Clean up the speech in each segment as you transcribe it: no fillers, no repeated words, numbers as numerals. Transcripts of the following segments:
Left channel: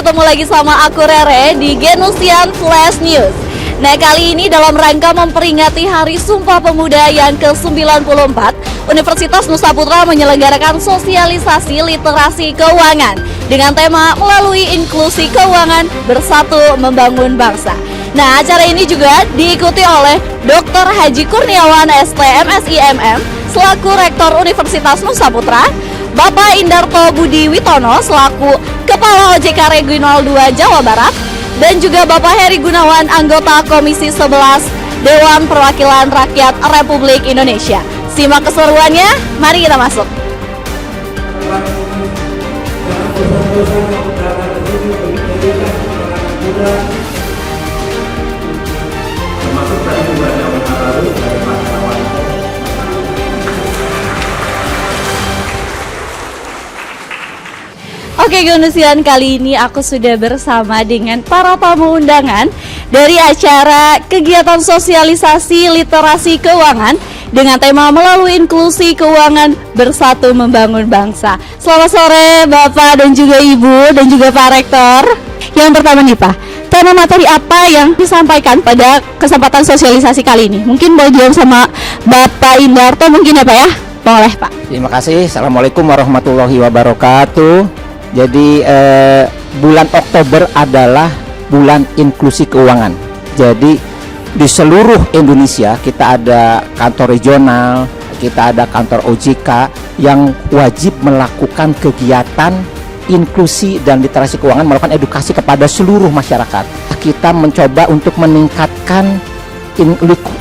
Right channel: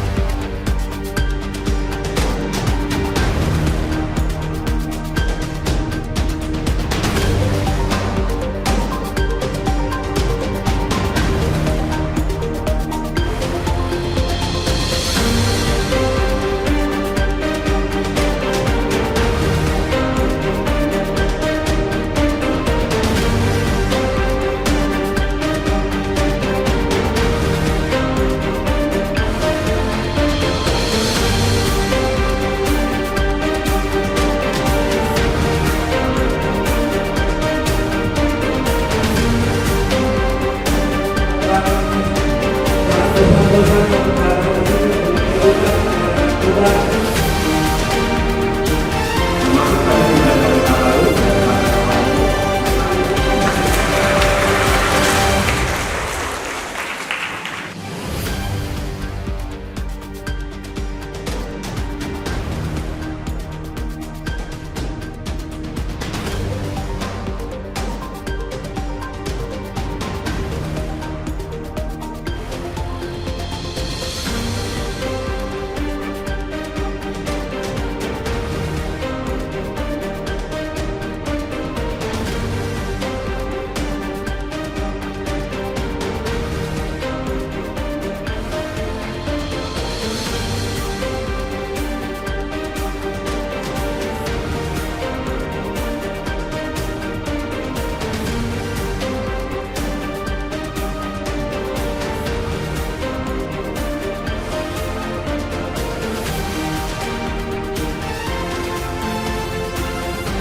ketemu lagi sama aku Rere di Genusian Flash News. Nah, kali ini dalam rangka memperingati Hari Sumpah Pemuda yang ke-94, Universitas Nusa Putra menyelenggarakan sosialisasi literasi keuangan dengan tema melalui inklusi keuangan bersatu membangun bangsa. Nah, acara ini juga diikuti oleh Dr. Haji Kurniawan STM SIMM selaku Rektor Universitas Nusa Putra, Bapak Indarto Budi Witono selaku Kepala OJK Regional 2 Jawa Barat, dan juga Bapak Heri Gunawan, anggota Komisi 11 Dewan Perwakilan Rakyat Republik Indonesia. Simak keseruannya, mari kita masuk. Oke Genusian, kali ini aku sudah bersama dengan para tamu undangan dari acara kegiatan sosialisasi literasi keuangan dengan tema melalui inklusi keuangan bersatu membangun bangsa. Selamat sore Bapak dan juga Ibu dan juga Pak Rektor. Yang pertama nih Pak, tema materi apa yang disampaikan pada kesempatan sosialisasi kali ini? Mungkin boleh jawab sama Bapak Indarto mungkin ya Pak ya? Boleh Pak. Terima kasih. Assalamualaikum warahmatullahi wabarakatuh. Jadi bulan Oktober adalah bulan inklusi keuangan. Jadi di seluruh Indonesia kita ada kantor regional, kita ada kantor OJK yang wajib melakukan kegiatan inklusi dan literasi keuangan, melakukan edukasi kepada seluruh masyarakat. Kita mencoba untuk meningkatkan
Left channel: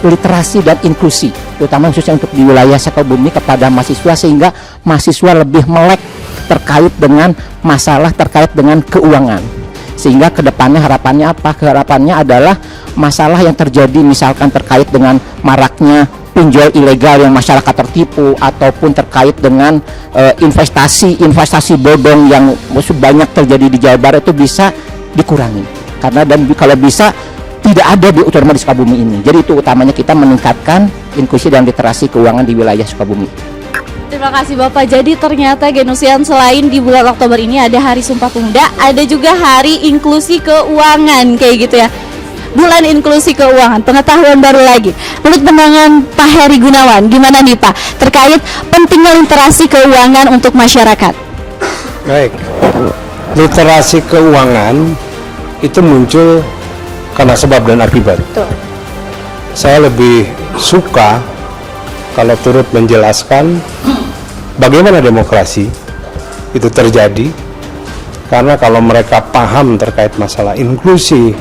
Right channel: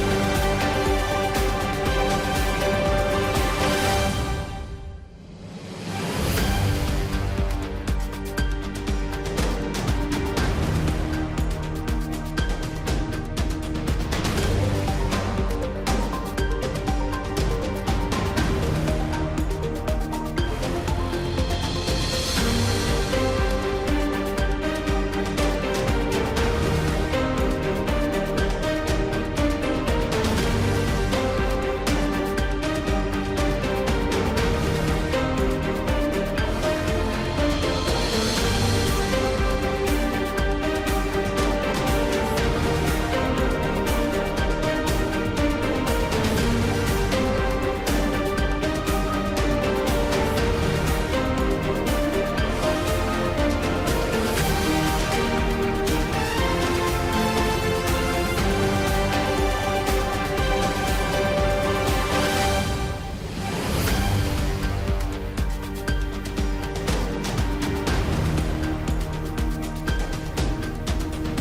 literasi dan inklusi, terutama khususnya untuk di wilayah Sukabumi kepada mahasiswa, sehingga mahasiswa lebih melek terkait dengan masalah terkait dengan keuangan. Sehingga kedepannya harapannya apa? Harapannya adalah masalah yang terjadi misalkan terkait dengan maraknya pinjol ilegal yang masyarakat tertipu, ataupun terkait dengan investasi bodong yang banyak terjadi di Jawa Barat itu bisa dikurangi. Karena dan kalau bisa tidak ada terutama di Sukabumi ini. Jadi itu utamanya kita meningkatkan inklusi dan literasi keuangan di wilayah Sukabumi. Terima kasih Bapak. Jadi ternyata Genusian selain di bulan Oktober ini ada Hari Sumpah Pemuda, ada juga Hari Inklusi Keuangan kayak gitu ya. Bulan inklusi keuangan, pengetahuan baru lagi. Menurut pandangan Pak Heri Gunawan, gimana nih Pak terkait pentingnya literasi keuangan untuk masyarakat? Baik, literasi keuangan itu muncul karena sebab dan akibat. Betul. Saya lebih suka kalau turut menjelaskan bagaimana demokrasi itu terjadi, karena kalau mereka paham terkait masalah inklusi,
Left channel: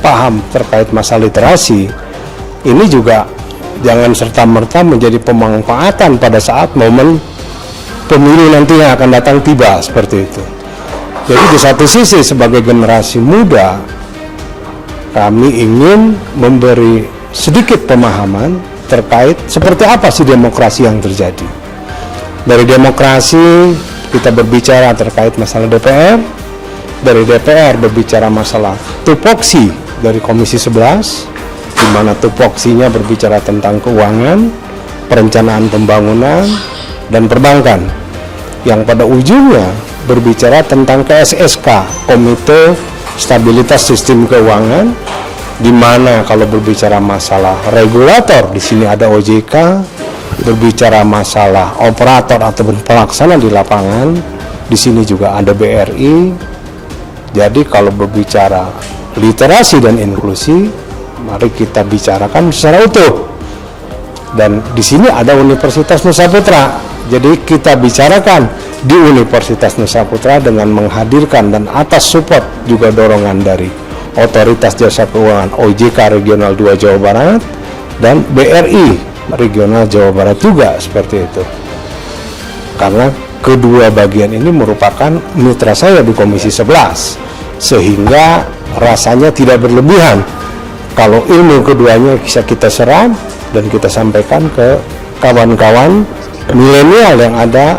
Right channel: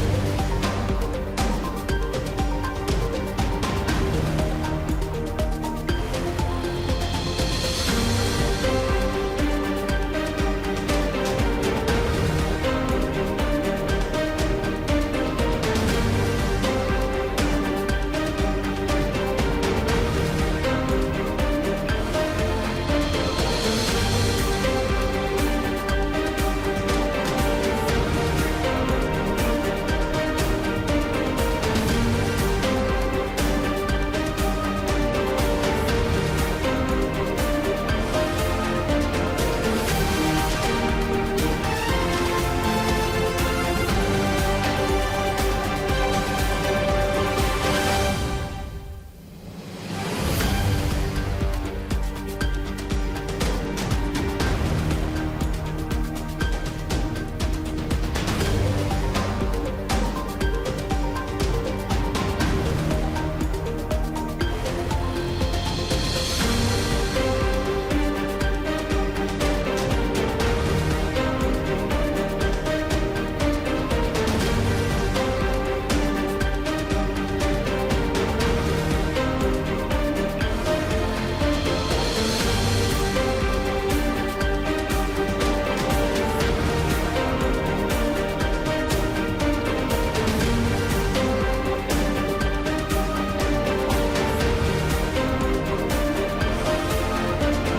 paham terkait masalah literasi, ini juga jangan serta-merta menjadi pemanfaatan pada saat momen pemilu nanti yang akan datang tiba, seperti itu. Jadi di satu sisi sebagai generasi muda, kami ingin memberi sedikit pemahaman terkait seperti apa sih demokrasi yang terjadi. Dari demokrasi kita berbicara terkait masalah DPR, dari DPR berbicara masalah tupoksi dari Komisi 11, di mana tupoksinya berbicara tentang keuangan, perencanaan pembangunan, dan perbankan, yang pada ujungnya berbicara tentang KSSK, Komite Stabilitas Sistem Keuangan, di mana kalau berbicara masalah regulator, di sini ada OJK, berbicara masalah operator atau pelaksana di lapangan, di sini juga ada BRI. Jadi kalau berbicara literasi dan inklusi, mari kita bicarakan secara utuh. Dan di sini ada Universitas Nusa Putra. Jadi kita bicarakan di Universitas Nusa Putra dengan menghadirkan dan atas support juga dorongan dari Otoritas Jasa Keuangan OJK Regional 2 Jawa Barat dan BRI Regional Jawa Barat juga, seperti itu. Karena kedua bagian ini merupakan mitra saya di Komisi 11, sehingga rasanya tidak berlebihan kalau ilmu keduanya bisa kita serap dan kita sampaikan ke kawan-kawan milenial yang ada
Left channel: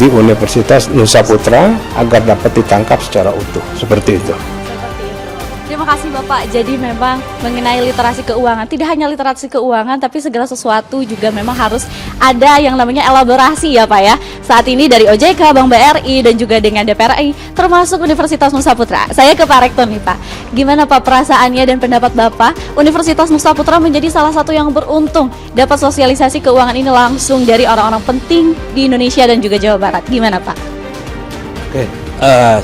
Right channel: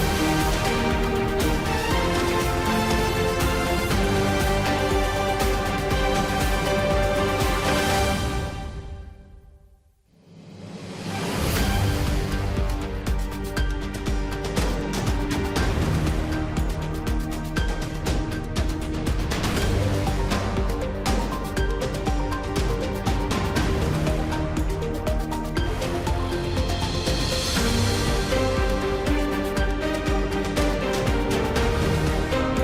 di Universitas Nusa Putra agar dapat ditangkap secara utuh, seperti itu. Terima kasih Bapak. Pak, jadi memang mengenai literasi keuangan, tidak hanya literasi keuangan, tapi segala sesuatu juga memang harus ada yang namanya elaborasi ya Pak ya. Saat ini dari OJK, Bank BRI, dan juga dengan DPR RI, termasuk Universitas Nusa Putra. Saya ke Pak Rektor nih Pak, gimana Pak perasaannya dan pendapat Bapak, Universitas Nusa Putra menjadi salah satu yang beruntung dapat sosialisasi keuangan ini langsung dari orang-orang penting di Indonesia dan juga Jawa Barat. Gimana Pak? Oke,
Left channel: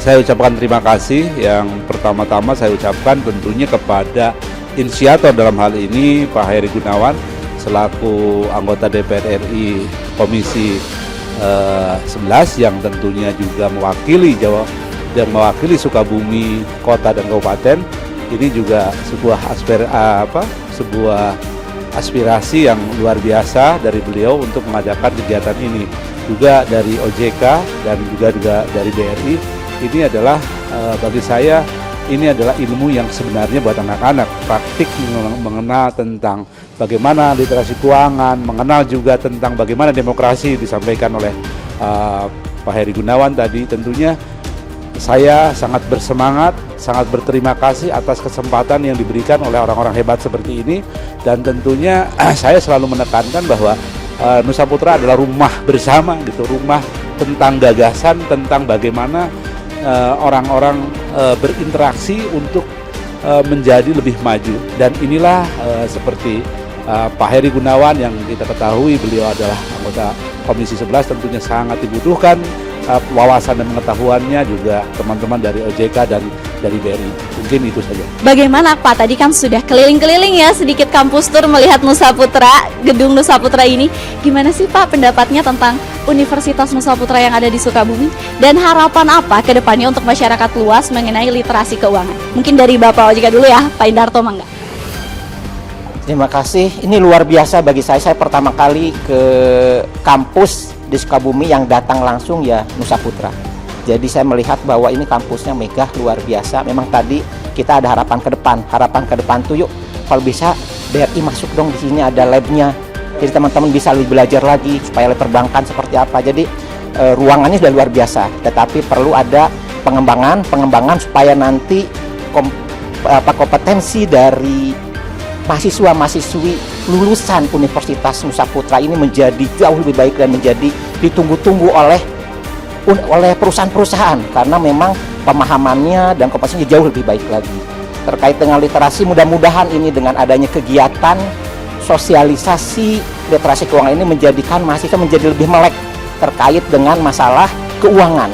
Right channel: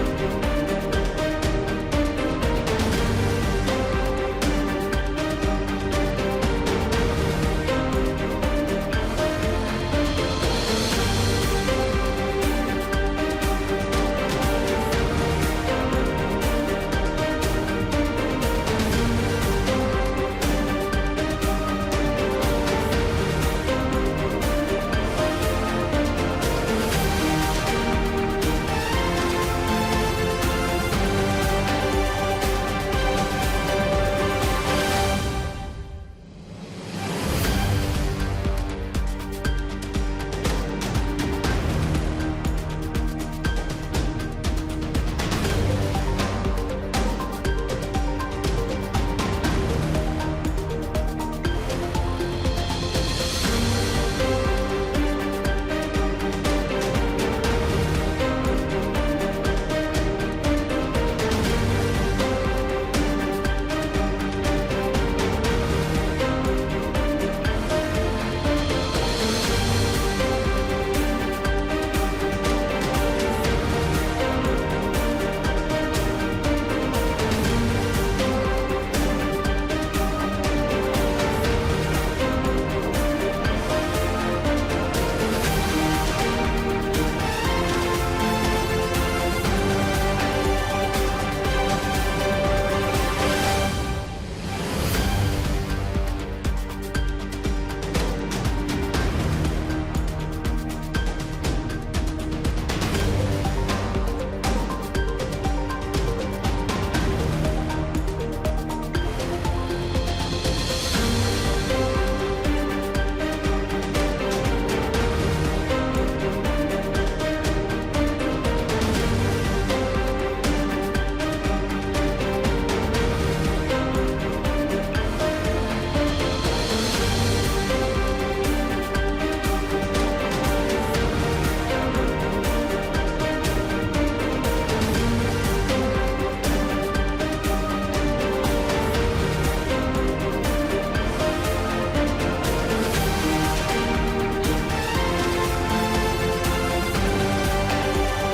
saya ucapkan terima kasih. Yang pertama-tama saya ucapkan tentunya kepada inisiator dalam hal ini Pak Heri Gunawan selaku anggota DPR RI Komisi 11 yang tentunya juga mewakili Sukabumi Kota dan Kabupaten. Ini juga sebuah aspirasi yang luar biasa dari beliau untuk mengadakan kegiatan ini. Juga dari OJK dan juga dari BRI, ini adalah bagi saya ini adalah ilmu yang sebenarnya buat anak-anak, praktik mengenal tentang bagaimana literasi keuangan, mengenal juga tentang bagaimana demokrasi disampaikan oleh Pak Heri Gunawan tadi. Tentunya saya sangat bersemangat, sangat berterima kasih atas kesempatan yang diberikan oleh orang-orang hebat seperti ini, dan tentunya saya selalu menekankan bahwa Nusa Putra adalah rumah bersama gitu, rumah tentang gagasan, tentang bagaimana orang-orang berinteraksi untuk menjadi lebih maju. Dan inilah seperti Pak Heri Gunawan yang kita ketahui beliau adalah anggota Komisi 11, tentunya sangat dibutuhkan wawasan dan pengetahuannya juga teman-teman dari OJK dan dari BRI. Mungkin itu saja. Bagaimana Pak? Tadi kan sudah keliling-keliling ya sedikit kampus tour melihat Nusa Putra, gedung Nusa Putra ini. Gimana sih Pak pendapatnya tentang Universitas Nusa Putra yang ada di Sukabumi? Dan harapan apa ke depannya untuk masyarakat luas mengenai literasi keuangan? Mungkin dari Bapak OJK dulu ya, Pak Indarto mangga. Terima kasih. Ini luar biasa bagi saya. Saya pertama kali ke kampus di Sukabumi yang datang langsung ya Nusa Putra. Jadi saya melihat bahwa ini kampusnya megah, luar biasa. Memang tadi kita ada harapan ke depan. Harapan ke depan tuh yuk kalau bisa BRI masuk dong, di sini ada labnya. Jadi teman-teman bisa lebih belajar lagi supaya perbankan seperti apa. Jadi ruangannya sudah luar biasa. Tetapi perlu ada pengembangan supaya nanti kompetensi dari mahasiswa-mahasiswi lulusan Universitas Nusa Putra ini menjadi jauh lebih baik dan menjadi ditunggu-tunggu oleh perusahaan-perusahaan, karena memang pemahamannya dan kompetensinya jauh lebih baik lagi. Terkait dengan literasi, mudah-mudahan ini dengan adanya kegiatan sosialisasi literasi keuangan ini menjadikan mahasiswa menjadi lebih melek terkait dengan masalah keuangan.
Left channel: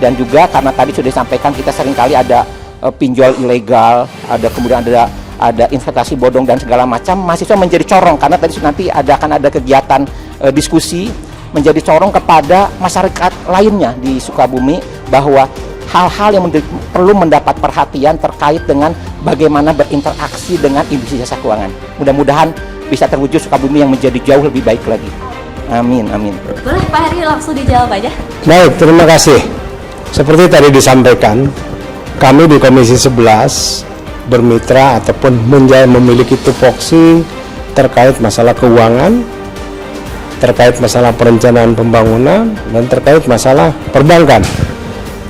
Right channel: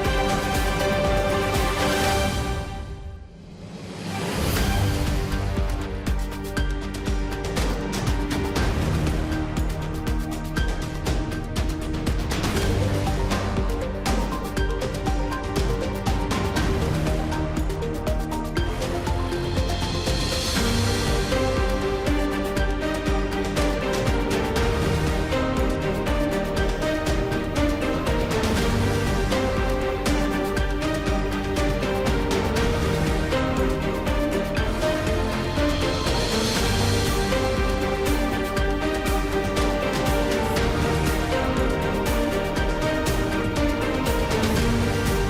Dan juga karena tadi sudah disampaikan kita seringkali ada pinjol ilegal, kemudian ada investasi bodong dan segala macam, mahasiswa menjadi corong karena tadi nanti akan ada kegiatan diskusi, menjadi corong kepada masyarakat lainnya di Sukabumi bahwa hal-hal yang perlu mendapat perhatian terkait dengan bagaimana berinteraksi dengan industri jasa keuangan. Mudah-mudahan bisa terwujud Sukabumi yang menjadi jauh lebih baik lagi. Amin, amin. Boleh Pak Heri langsung dijawab aja. Baik, terima kasih. Seperti tadi disampaikan, kami di Komisi 11 bermitra ataupun memiliki tupoksi terkait masalah keuangan, terkait masalah perencanaan pembangunan, dan terkait masalah perbankan.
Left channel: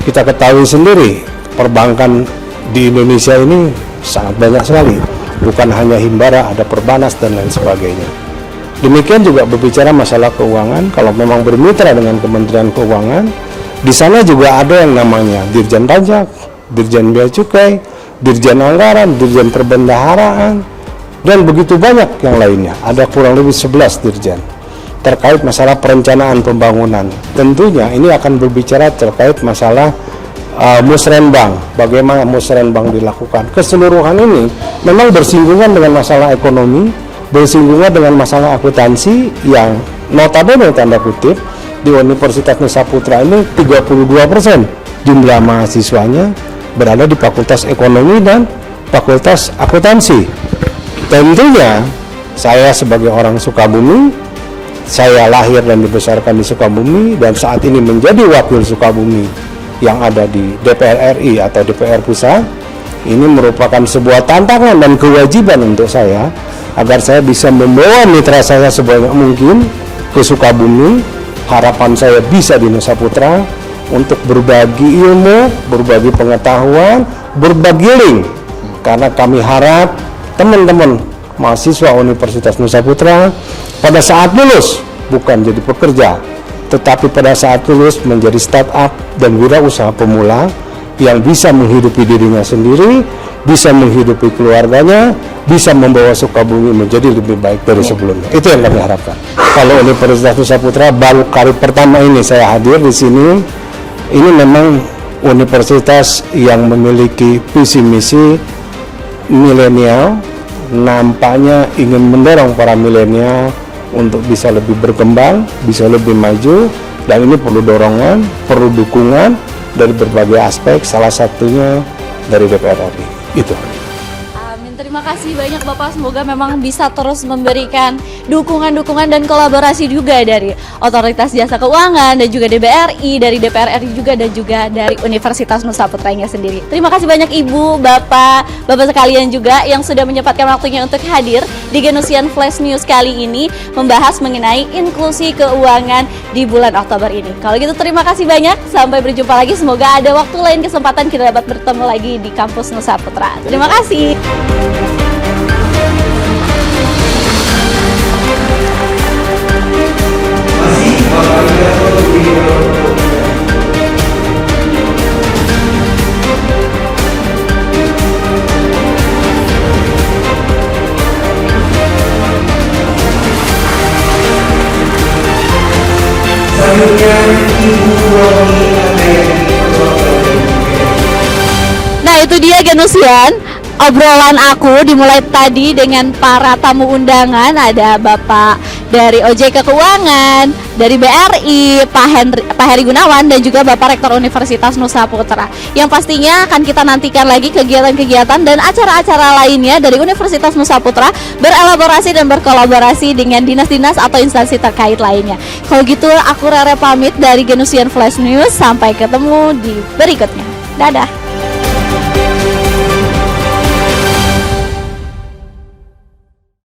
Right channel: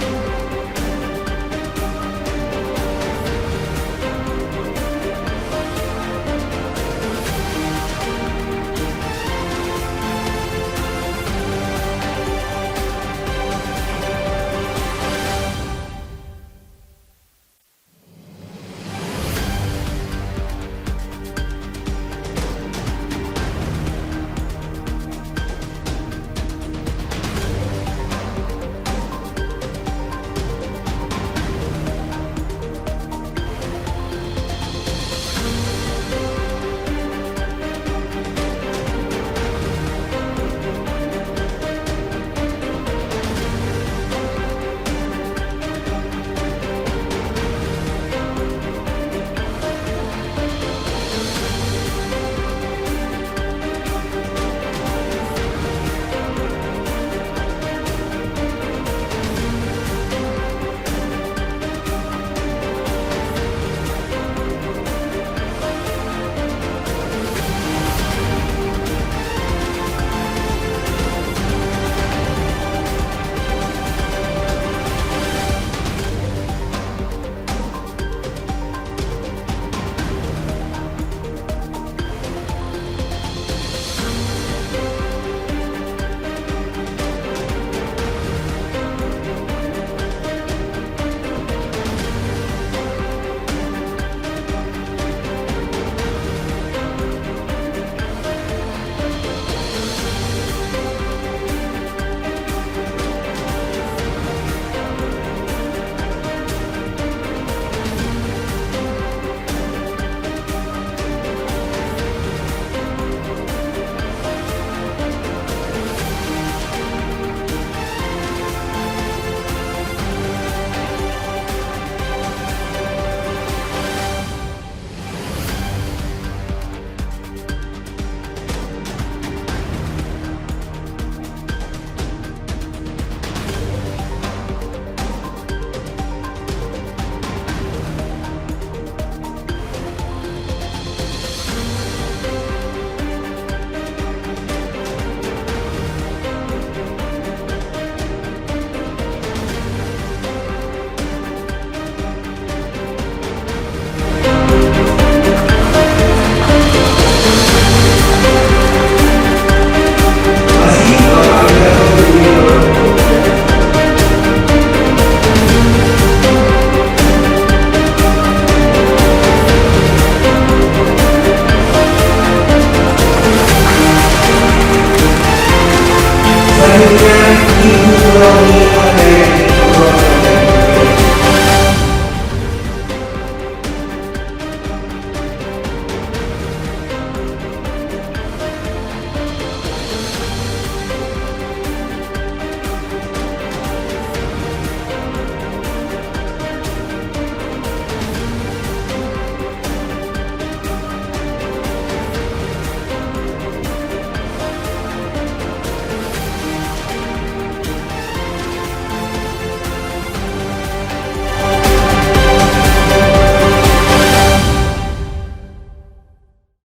Kita ketahui sendiri, perbankan di Indonesia ini sangat banyak sekali. Bukan hanya Himbara, ada Perbanas dan lain sebagainya. Demikian juga berbicara masalah keuangan, kalau memang bermitra dengan Kementerian Keuangan, di sana juga ada yang namanya Dirjen Pajak, Dirjen Bea Cukai, Dirjen Anggaran, Dirjen Perbendaharaan, dan begitu banyak yang lainnya. Ada kurang lebih 11 dirjen terkait masalah perencanaan pembangunan. Tentunya ini akan berbicara terkait masalah musrenbang, bagaimana musrenbang dilakukan. Keseluruhan ini memang bersinggungan dengan masalah ekonomi, bersinggungan dengan masalah akuntansi yang notabene tanda kutip di Universitas Nusa Putra ini 32% jumlah mahasiswanya berada di Fakultas Ekonomi dan Fakultas Akuntansi. Tentunya saya sebagai orang Sukabumi, saya lahir dan dibesarkan di Sukabumi dan saat ini menjadi wakil Sukabumi yang ada di DPR RI atau DPR Pusat. Ini merupakan sebuah tantangan dan kewajiban untuk saya agar saya bisa membawa mitra saya sebanyak mungkin ke Sukabumi. Harapan saya bisa di Nusa Putra untuk berbagi ilmu, berbagi pengetahuan, berbagi link karena kami harap teman-teman mahasiswa Universitas Nusa Putra pada saat lulus bukan jadi pekerja, tetapi pada saat lulus menjadi startup dan wirausaha pemula yang bisa menghidupi dirinya sendiri, bisa menghidupi keluarganya, bisa membawa Sukabumi menjadi lebih baik dari sebelumnya. Itu yang kami harapkan. Kalau Universitas Nusa Putra baru kali pertama ini saya hadir di sini, ini memang universitas yang memiliki visi misi milenial, nampaknya ingin mendorong para milenial untuk bisa lebih berkembang, bisa lebih maju, dan ini perlu dorongan, perlu dukungan dari berbagai aspek, salah satunya dari DPR RI. Itu. Amin. Terima kasih banyak Bapak, semoga memang bisa terus memberikan dukungan-dukungan dan kolaborasi juga dari Otoritas Jasa Keuangan dan juga DBRI, dari DPR RI juga, dan juga dari Universitas Nusa Putranya sendiri. Terima kasih banyak Ibu, Bapak sekalian juga yang sudah menyempatkan waktunya untuk hadir di Genusian Flash News kali ini membahas mengenai inklusi keuangan di bulan Oktober ini. Kalau gitu terima kasih banyak, sampai berjumpa lagi. Semoga ada waktu lain kesempatan kita dapat bertemu lagi di kampus Nusa Putra. Terima kasih. Nah, itu dia Genusian. Obrolan aku dimulai tadi dengan para tamu undangan. Ada Bapak dari OJK Keuangan, dari BRI, Pak Heri Gunawan, dan juga Bapak Rektor Universitas Nusa Putra. Yang pastinya akan kita nantikan lagi kegiatan-kegiatan dan acara-acara lainnya dari Universitas Nusa Putra berelaborasi dan berkolaborasi dengan dinas-dinas atau instansi terkait lainnya. Kalau gitu aku Rere pamit dari Genusian Flash News. Sampai ketemu di berikutnya. Dadah.